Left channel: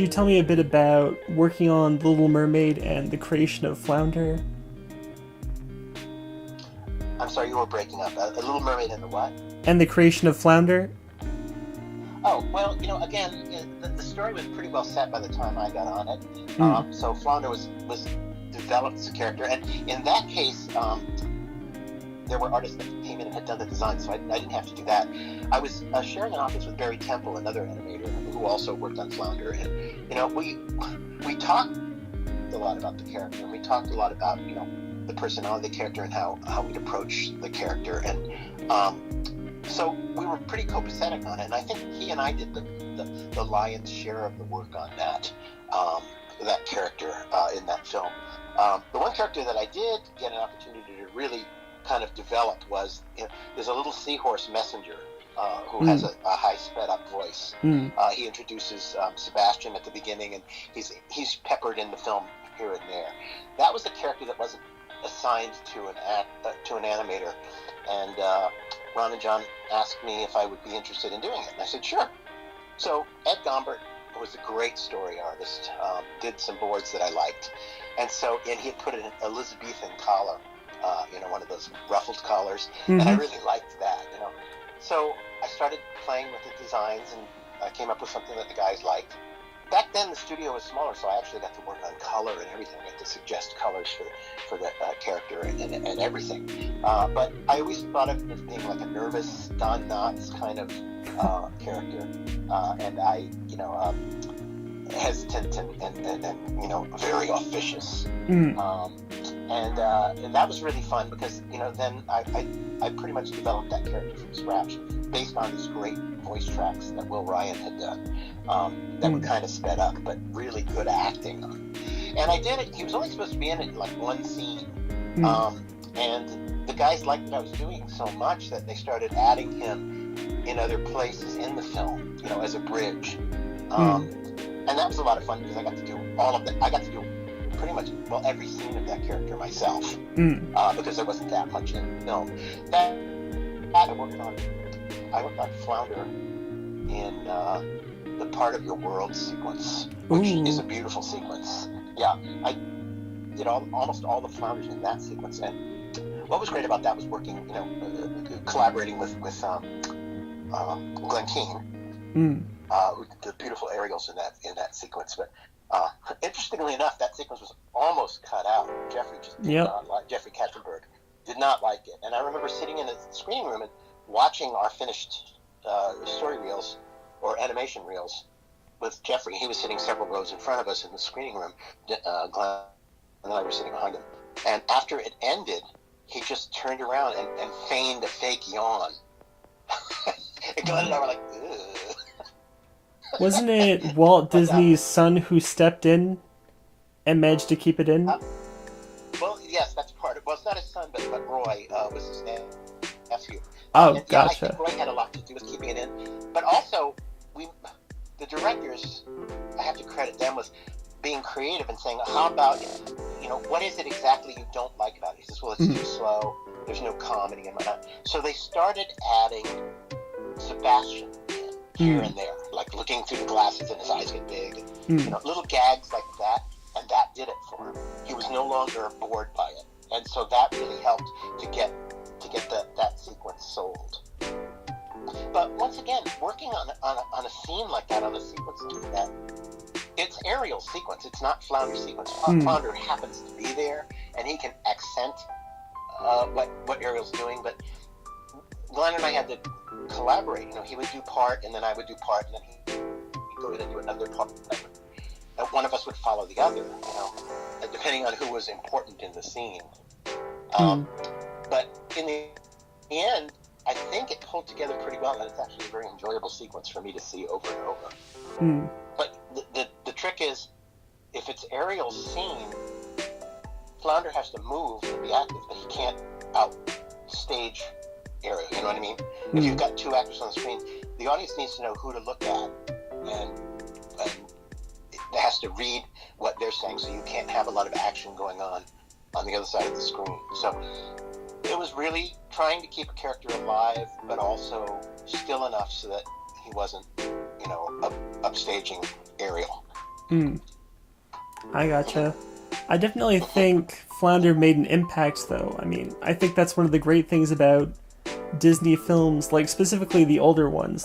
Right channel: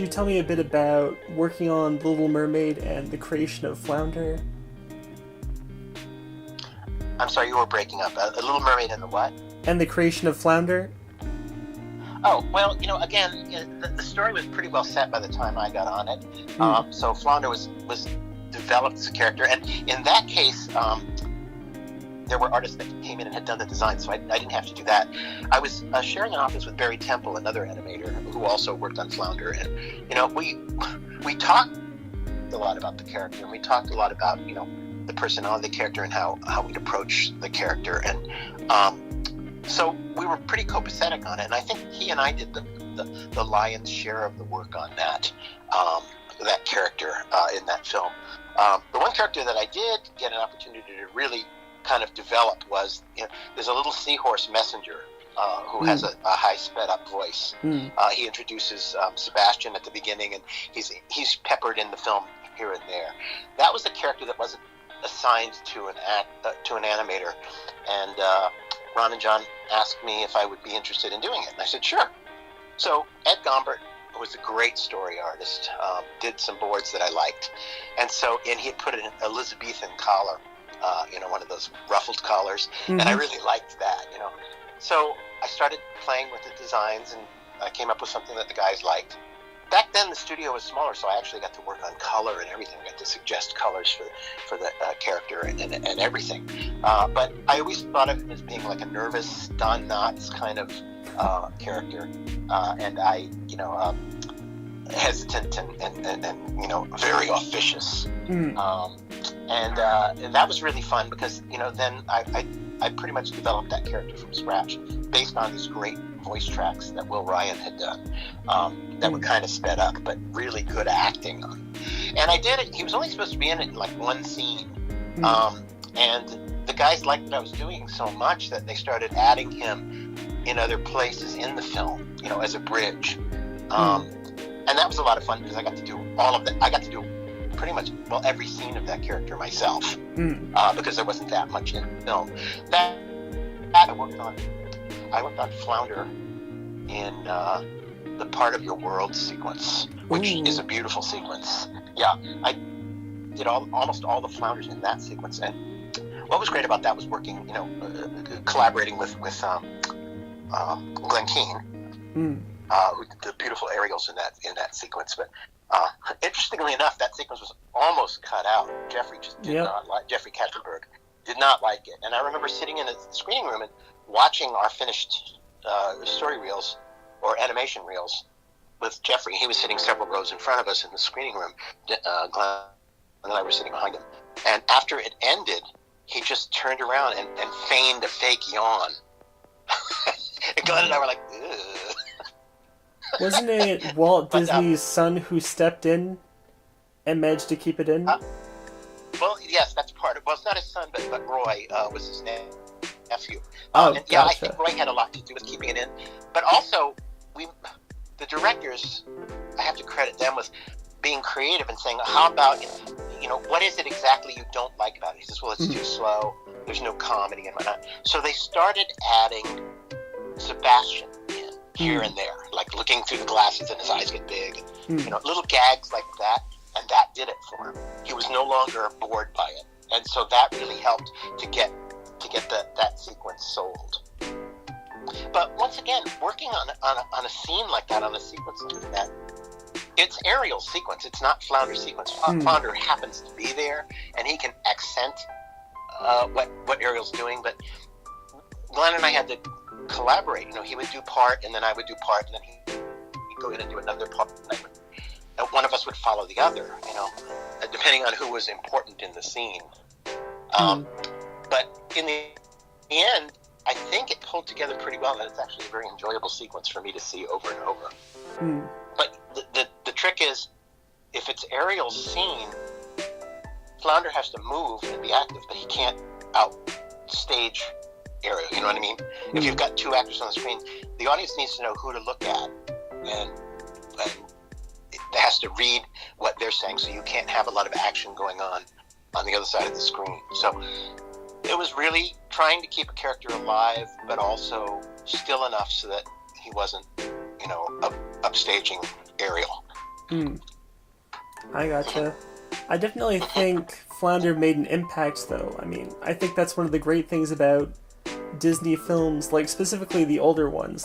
could you tell me a bit about working on Little Mermaid and the creation of Flounder? I'm sorry, you were breaking up. A Little Mermaid and the what? And the creation of Flounder? Oh, well, again, the story was pretty well set by the time I got on it. So Flounder was developed as a character, and in that case, there were artists that came in and had done the design, so I didn't have to do that. I was sharing an office with Barry Temple, another animator who also worked on Flounder, and we talked a lot about the character, and we talked a lot about the personality of the character and how we'd approach the character, and so we were pretty copacetic on it, and I think he and I did the lion's share of the work on that character in that film. The one character that I did get an opportunity to really kind of develop was, there's a little seahorse messenger who has a high sped up voice. He introduces Sebastian at the beginning, and he's peppered in the film here and there. That was the character that wasn't assigned to an animator, and Ron and John asked me if I would be interested in doing it, and I said sure. So Ed Gombert was a great story artist, did some boards that I liked, and he had put an Elizabethan collar, one of those ruffled collars, and I really liked that, So I started playing with the designs, and I came up with something that the guys liked. Back then, the studio was smaller, so I actually got to work on color and everything. I got to suggest colors for the character and everything. But I always thought of him as being like a nervous Don Knotts kind of character, and I, hesitant and very officious. And that was really fun because then I pretty much developed that character from scratch based on these great voice tracks that Will Ryan had done that were kind of sped up but really good acting on. And I did it. He was only supposed to be in it like one scene, and the guys liked what I was doing so much that they started adding him in other places in the film, as a bridge. And that was a lot of fun because I got to do all of it. I got to do pretty much every scene of that character myself because there wasn't that much in the film. That I worked on Flounder in the Part of Your World sequence, which is a beautiful sequence. Yeah, I did almost all the Flounders in that sequence, and what was great about that was working, collaborating with Glenn Keane. Who did the beautiful aerials in that sequence. But interestingly enough, that sequence was almost cut out. Jeffrey just did not like Jeffrey Katzenberg did not like it. And I remember sitting in a screening room and watching our finished story reels or animation reels with Jeffrey. He was sitting several rows in front of us in the screening room. Glenn and I were sitting behind him. And after it ended, he just turned around and feigned a fake yawn. And Glenn and I were like, ugh. Wasn't it Walt Disney's son who stepped in and managed to keep it in? Well, yes, that's part of it. Well, it's not his son, but Roy was his nephew. Gotcha. Yeah, I think Roy had a lot to do with keeping it in. But also, the directors, I have to credit them with being creative and saying, how about, what is it exactly you don't like about it? He says, well, it's too slow. There's no comedy and whatnot. So they started adding Sebastian in here and there, like looking through the glasses and his eyes get big, little gags like that, and that did it for him. He was no longer bored by it, and so that really helped to get that sequence sold. But once again, working on a scene like that, on a sequence like that, it's Ariel's sequence. It's not Flounder's sequence. Flounder happens to be there, and he can accent what Ariel's doing, but Glenn and I had to collaborate. He would do part, and then I would do part, and then he'd go in and do another part. And one of us would follow the other, depending on who was important in the scene. But in the end, I think it pulled together pretty well, and it's actually a very enjoyable sequence for me to see over and over. But the trick is, if it's Ariel's scene, Flounder has to move and be active, but he can't outstage Ariel, you know what I mean? If you've got two actors on the screen, the audience needs to know who to look at, and it has to read what they're saying, so you can't have a lot of action going on the other side of the screen. So it was really trying to keep a character alive, but also still enough so that he wasn't, upstaging Ariel. I gotcha. I definitely think Flounder made an impact, though. I mean, I think that's one of the great things about Disney films, like specifically the older ones,